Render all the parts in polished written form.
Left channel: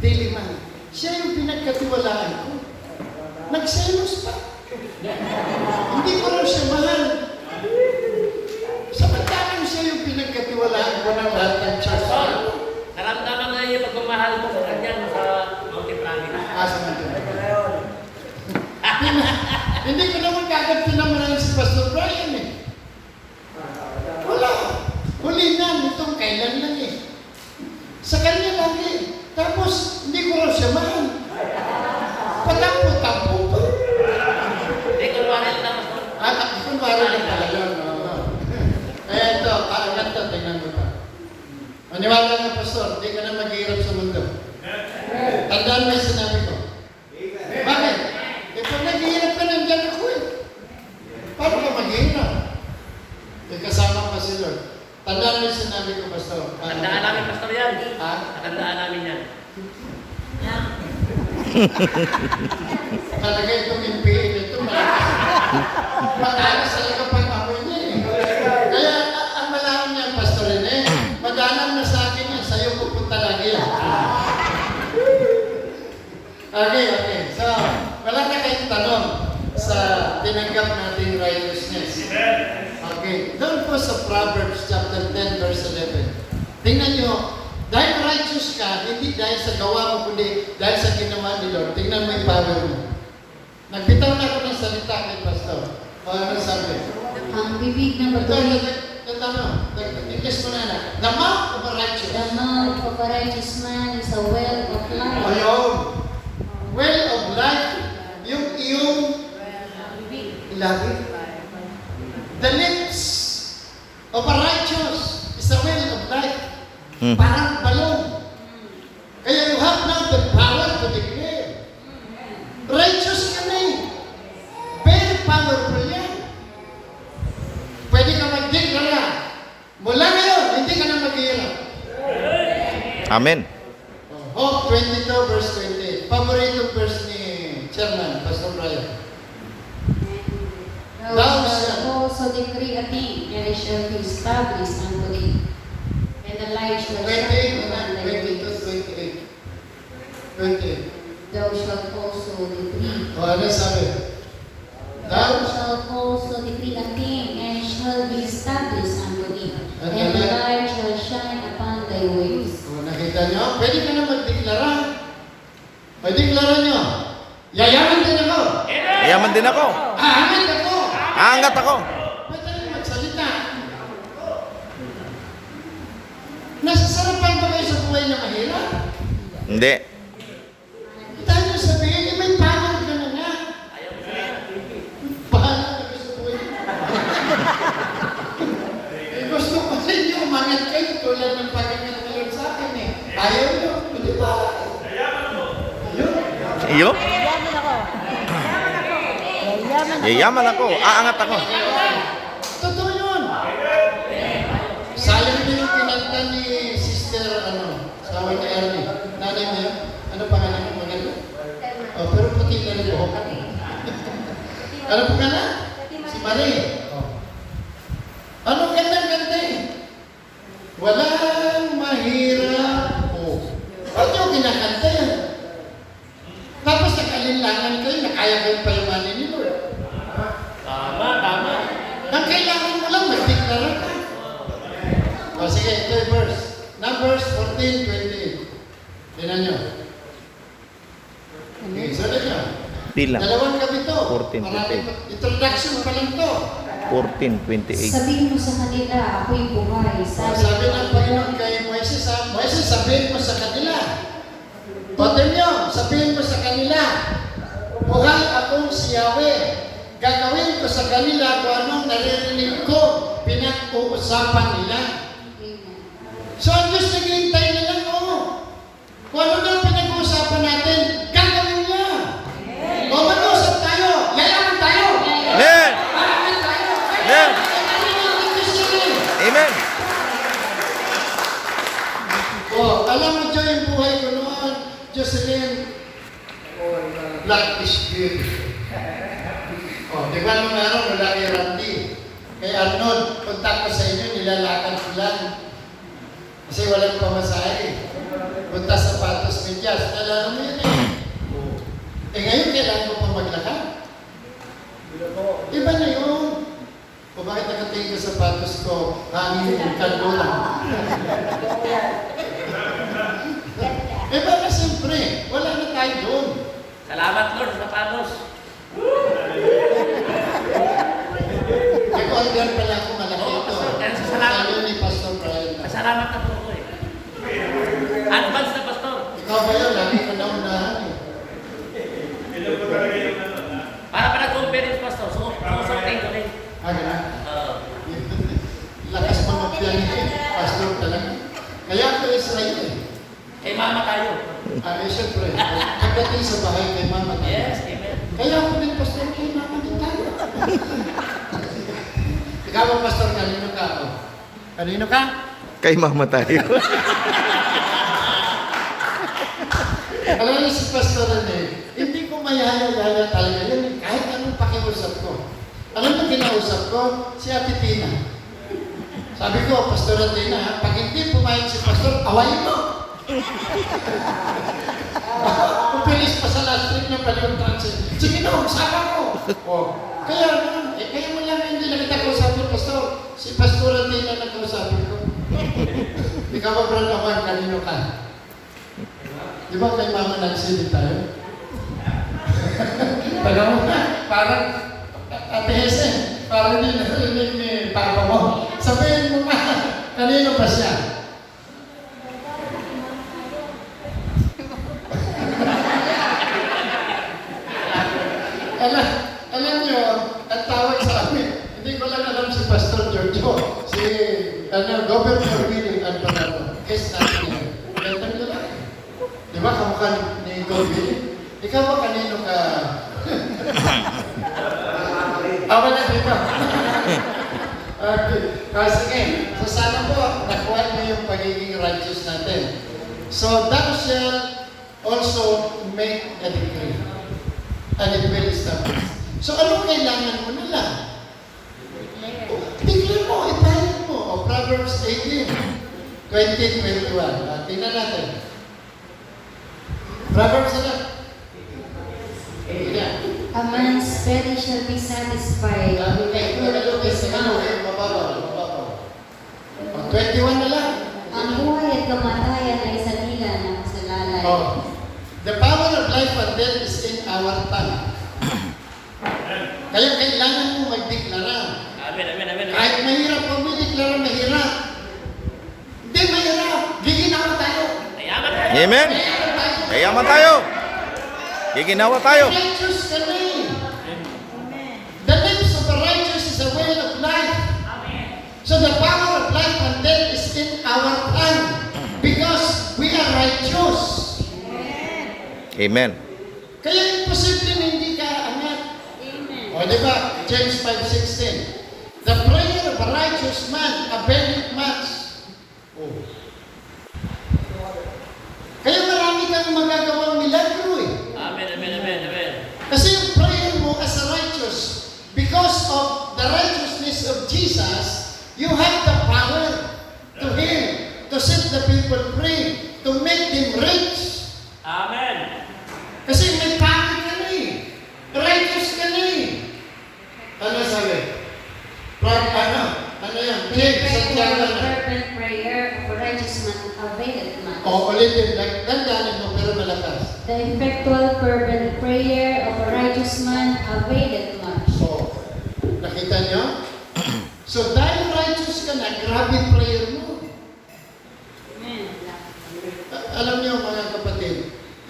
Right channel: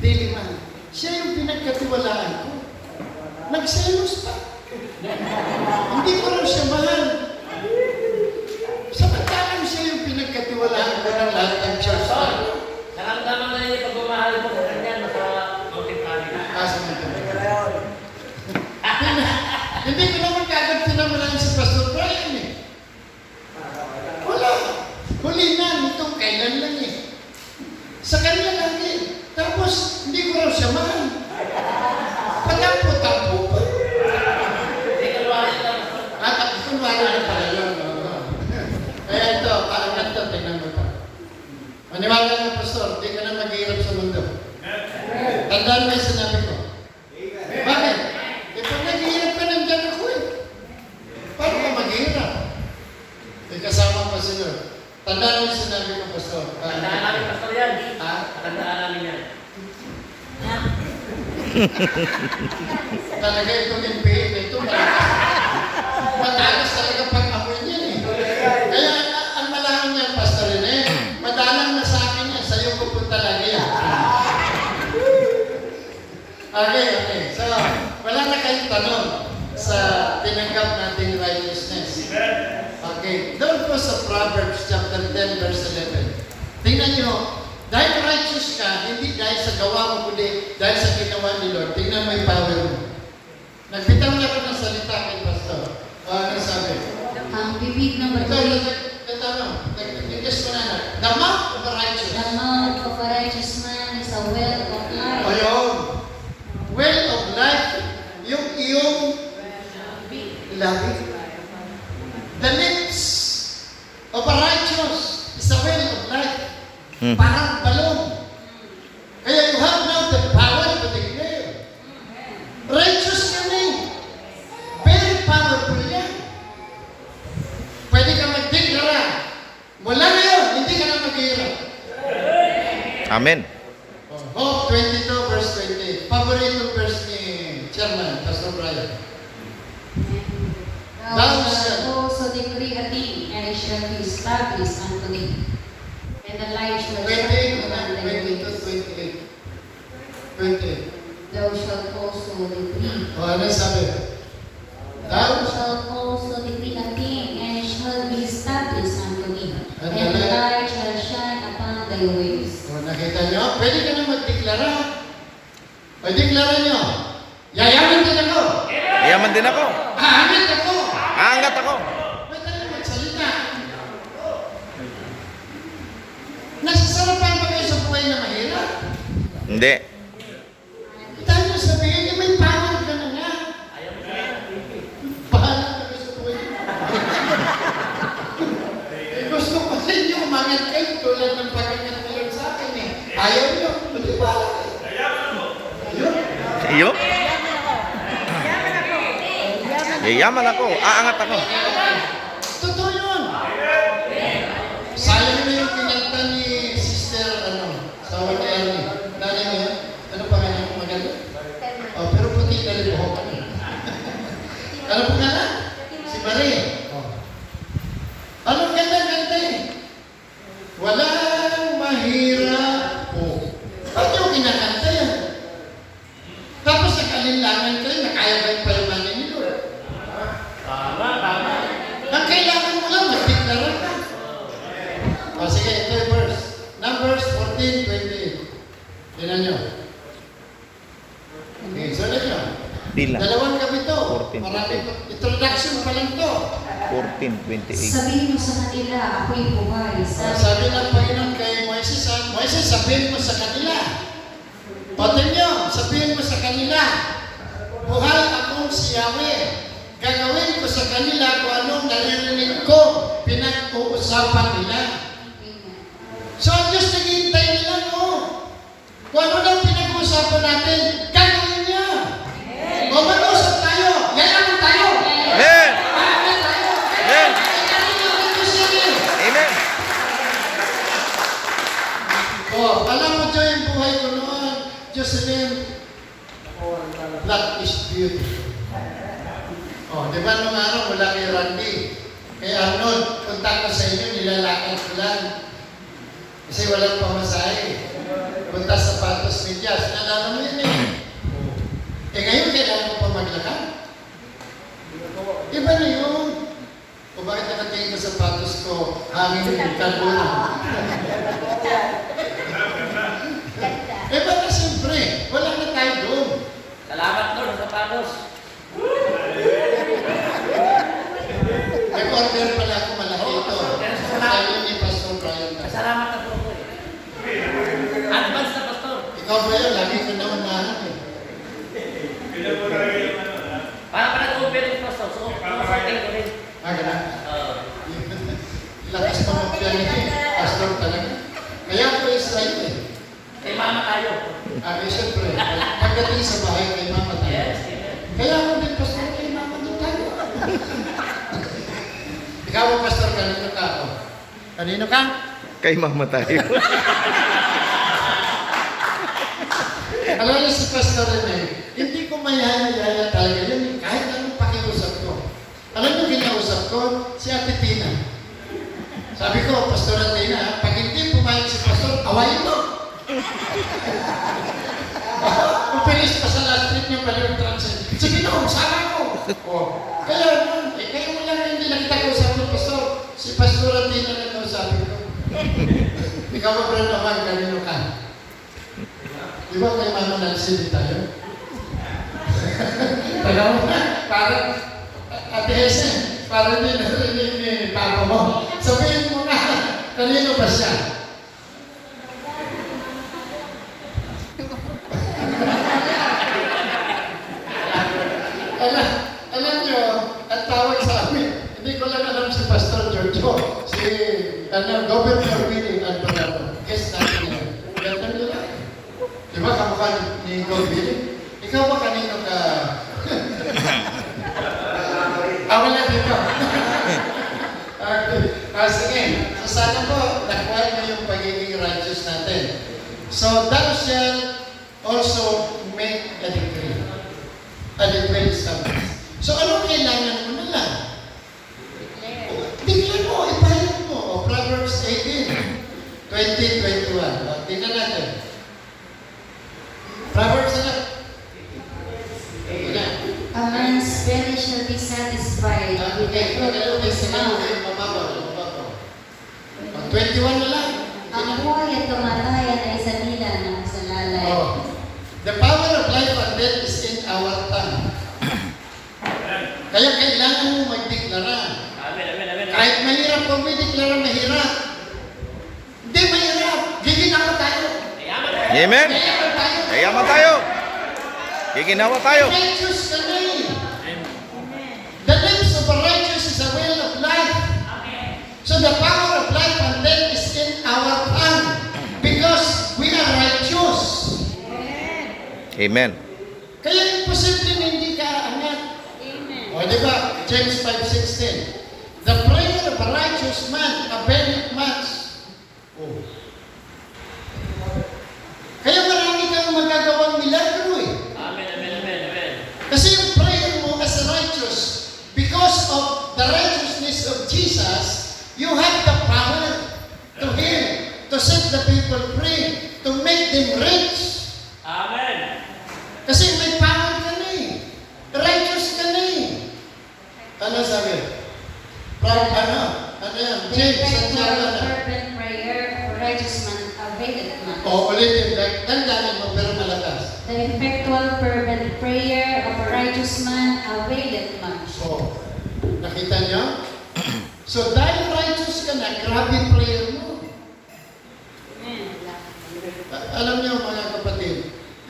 daily man. Siya yung pinagkatiwalaan ko. Nagselos pa. Hindi ko raw siya mahal. Samantalang siya yung pinagkatiwalaan ko ng lahat ng church. Naramdaman na yung pagmamahal mo sa kanya sa multi-family. Samantalang. Hindi ko naman kagad pinamanahan si Pastor Brian eh. Wala. Huli na, nitong kailan lang eh. Sa kanya lang eh. Tapos, hindi ko raw siya mahal. Patampo-tampo pa. Hindi, kunwari lang. Kunwari lang pala yun. Kaya ito, kaangat to, tingnan mo pa. Maniwala mo, Pastor, hindi ka na maghihirap sa mundo. Tandaan mo yung sinabi ko. Bakit? Eh, pag naghihirap ka, nandiyan ako eh. Paano ka maghihirap? Eh, kasama pa si Lord. Tandaan mo yung sinabi ko, Pastor. Tandaan namin, Pastor, yan. Ha? Tandaan namin yan. Talaga itong NPA na ito, malakas. Madalas talaga pag ako niyan eh. Kaya ang malaman niya, Pastor Rene, madalang na sa akin yan, sa'yo pupunta lagi yan. Okay. So, wala na kayong tanong sa tinanggap nating righteousness. Okay. Doon po sa Proverbs chapter 10, verse 11. Tingnan nyo, dahil righteous ka, hindi dahil sa gawa mo, kundi dahil sa ginawa ni Lord. Tingnan mo yung power mo. Nagbitaw na ako ng salita kay Pastor. Ano sabi? Ang bibig ng matuloy. Ito, English ko na. The mouth of a righteous. The mouth of a righteous man is a well of life. Ayun. Well of life. Yung iyong labi. The lips of a righteous is a well of life. Parang balon. Kaya you have now the power to declare. Righteous ka na eh. Very powerful yan. Pwede ka mag-declara. Mula ngayon, hindi ka na mag-hirap. Amen. Hope 22 verse 28. Paborito verse ni Chairman, Pastor Brian. Thou shalt also decree a thing, and it shall be established unto thee. And the light shall shine upon thy ways. 28. Thou shalt also decree. Ano sabi? Thou shalt also decree a thing, and it shall be established unto thee. And the light shall shine upon thy ways. O, nakita nyo? Pwede ka na magdeklara. O, deklara nyo. Yayaman din ako. Yaman din ako. Aangat ako. Aangat ako. Pwede na magsalita. Nasasarapan ba kayo sa buhay na mahirap? Hindi. Tayo mo sabihin, may power ka na nga. Bahala ka sa buhay. Gusto ko sa inyo, umangat kayo tulad ng pagkakalala sa akin eh. Ayaw nyo, hindi bahala kayo. Iyo? Yayaman ako. Aangat ako. Totoo yun. Sayang na yung kinanta ni Sister, sawa ni Ernie. Nanay niya, ano pangalan mo maganda? Oh, pero puti na rin buhok. Ano pangalan? Si Marie. Oh. Anong ganda eh? Walang mahirap. Oh. Ba't yung kinakanta yan? Tapos nakalinlangan kayo, nakaya kayo palimanin ni Lord. Tama. Ang kailangan mo lang, mag-declara ka. O sige, ito yung verse. Numbers 14:28. Tingnan nyo. Okay, sunod nyo. Bilang. Dalawang gabi to. 14:28. Maraming introduction pa lang to. 14:28. Sabihin mo sa kanila, ako'y buhay. Sabi ng Panginoon kay Moises, Moises, sabihin mo sa kanila. Otin nyo, sabihin mo sa kanila, buhay akong si Yahweh. Gagawin ko sa kanila kung anong naririnig ko, pinag-uusapan nila. So, ang Diyos naghihintay na lang, kung ano nang pinag-uusapan natin, gagawin niya. O, mag-usap tayo. Yayaman tayo. Amen. Yayaman tayo. Amen. Amen. O, alam mo dyan yung buhay ko noon, Jocelyn, black is beautiful. O, di ba nung araw, wala kay Randy. Kay Arnold, punta ko sa inyo, nilalakad ko lang. Kasi walang pamasahe. Punta sa sapatos ni Jazz. Nalala mo yun eh. Eh ngayon, kailangan mo pa maglakad. Iba na yun. O bakit nakatingin ka sa sapatos ko, hangin yung kalbula? Iba na siyempre. Wala na tayo doon. Salamat Lord sa panos. Nag-order pala ako malaki ito. Sabi ni Pastor Brian na. Salamat na po ako eh. Advance na pastor. Ikaw ba yun? Lagi ka na unahan eh. Para pa nag-conference pastor. Sumusokting ko rin. Gano'n? Lakas mo ng piyan eh. Pastor talaga. Kaya ako Israel eh. Kay mama tayo. Siyempre. Pagdating sa bahay kay mama tayo. Yes, amen. Kaya ako din, Pastor, kay mama din tayo. Ikaw ba, Pastor, kanino ka? O? Kanino ka? Kay mama tayo. Alam niyo si Pastor Rene, hindi ko mayaya-yaya talaga yan. Kahit anong pakiusap ko. Alam mo, kinausap ko, si Ate Tina. Sabi ko, Pastor Tina, pag hindi pumayag si Pastor, awayin mo. Upilis pa sa last trip niya pala yung transit. Sige na, sama ko. Kaya nun, kaya mo lang hindi lang kita kausapin, Pastor. Si Pastor Tina na kausapin ko. Ikaw ba, Brad Amang, kanino ka? Di ba kay Mama Nancy tayo? Taga mo na, parang Ate Hesen, parang hindi narinig ni Papa mo. Sabihin mo nga, kanino ba siya? Alam niyo, ang tawag sa amin, hindi ko lang alam si Pastor Giorgio, si Governor Willie Alvarado, guest natin yan. Ganda mo lang. Di ba kamukha ni God Willie? Ikaw ba kanino ka? Wala dito. Okay. Sige. So sana po, nakuha niyo yung pagiging righteous natin. So thou shalt also make a decree. And it will establish. So ano kailangan mo na lang? Declare mo, ipahit mo. O Proverbs 18, 20-21. Tingnan natin. Proverbs na lang. A man's belly shall be satisfied with the fruit of his mouth. 21 na lang. Ang buhay at kamatayan ay sa nila ng kasalanan. The power of life and death is in our tongue. Kaya kailangan mo magdeklara. Amen, amen, amen. Kahit mahirap kung may deklara, mahirap. Hindi mahirap. Giginawa tayo. Ayaman. Amen. Mayaman tayo. Kayaman tayo. Giginawa tayo. Righteous ka na eh. The lips of the righteous is the well of life. So the power of life and death is in our tongue. Because we are righteous. Amen. Kaya imposible na hindi ka angat. O di ba? James 5:16. The prayer of a righteous man availeth much. Kaya marami kang magagawang milagro eh. Amen, amen, amen, amen. Kasi yung prayer mo as a righteous, because of the righteousness of Jesus, you have the power to heal, to set the people free, to make them rich. Amen. Kasi may power ka na eh. Righteous ka na eh. Ano sabi? Ano yan? James, Santiago na. Fervent prayer of a righteous man availeth much. Ulitin. Dandanin mo pero malakas. The effectual fervent prayer of a righteous man availeth much. Nakita niyo? So dahil righteous ka na, grabe prayer mo. Alam niyo mga kapatid,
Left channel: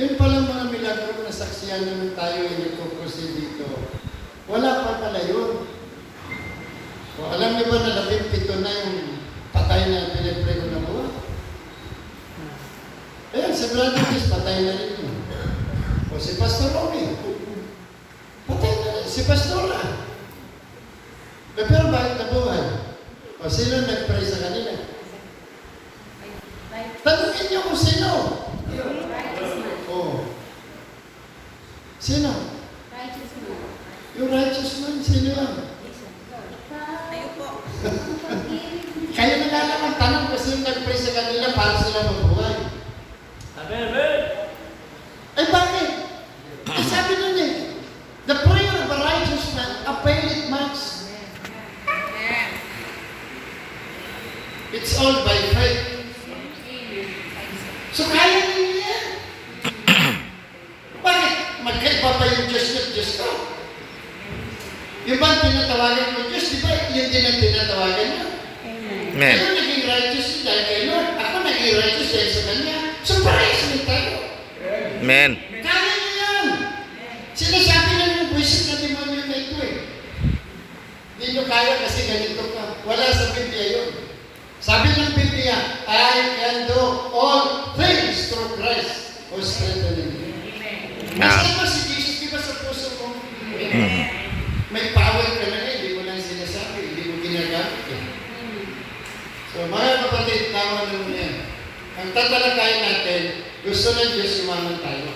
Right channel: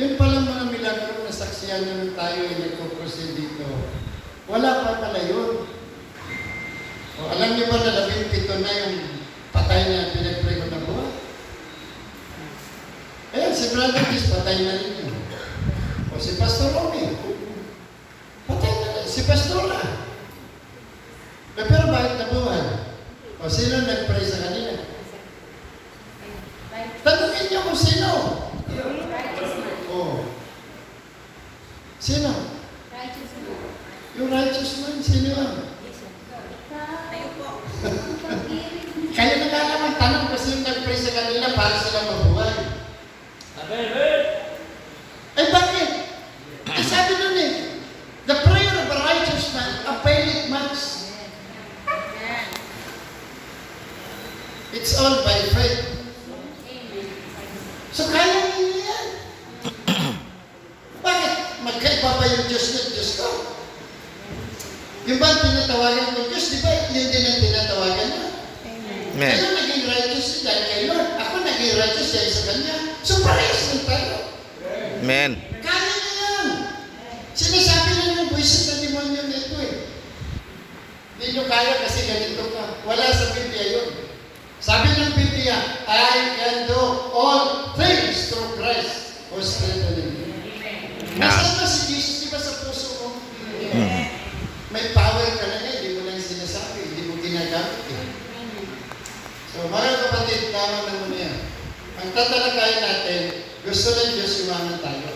yun palang mga milagro na saksiyan nyo nung tayo ay nagkukursi dito. Wala pa pala yun. Alam niyo ba na 17 na yung patay na pinag-pray ko na buwan? Ayan, si Brother Chris, patay na rin yun. O si Pastor Romy, patay na rin. Si Pastora. Pero bakit nabuhay? O sino nag-pray sa kanila? Tanungin niyo kung sino. Sino? Yung righteous man, sino yan? Kayo na lang magtanong kasi yung nag-pray sa kanila para sila mabuhay. It's all by faith. So kaya ninyo yan. Bakit? Magkaiba pa yung Diyos niya at Diyos ko. Yung bang tinatawagan ko Diyos, di ba yun din ang tinatawagan mo? Amen. Kayo naging righteous dahil kay Lord. Ako naging righteous dahil sa Kanya. So parehas din tayo. Amen. Kaya niyo yan. Sinasabi niya yung buwisit na demonyo na ito eh. Hindi nyo kaya kasi ganito ka. Wala sa Biblia yun. Sabi ng Biblia, I can do all things through Christ who strengthens me. Masama si Jesus, di ba sa puso mo? May power ka na eh, hindi mo lang sinasabi, hindi mo ginagamit eh. So mga kapatid, tama na muna yan. Ang tatalakayin natin, gusto ng Diyos yumaman tayo.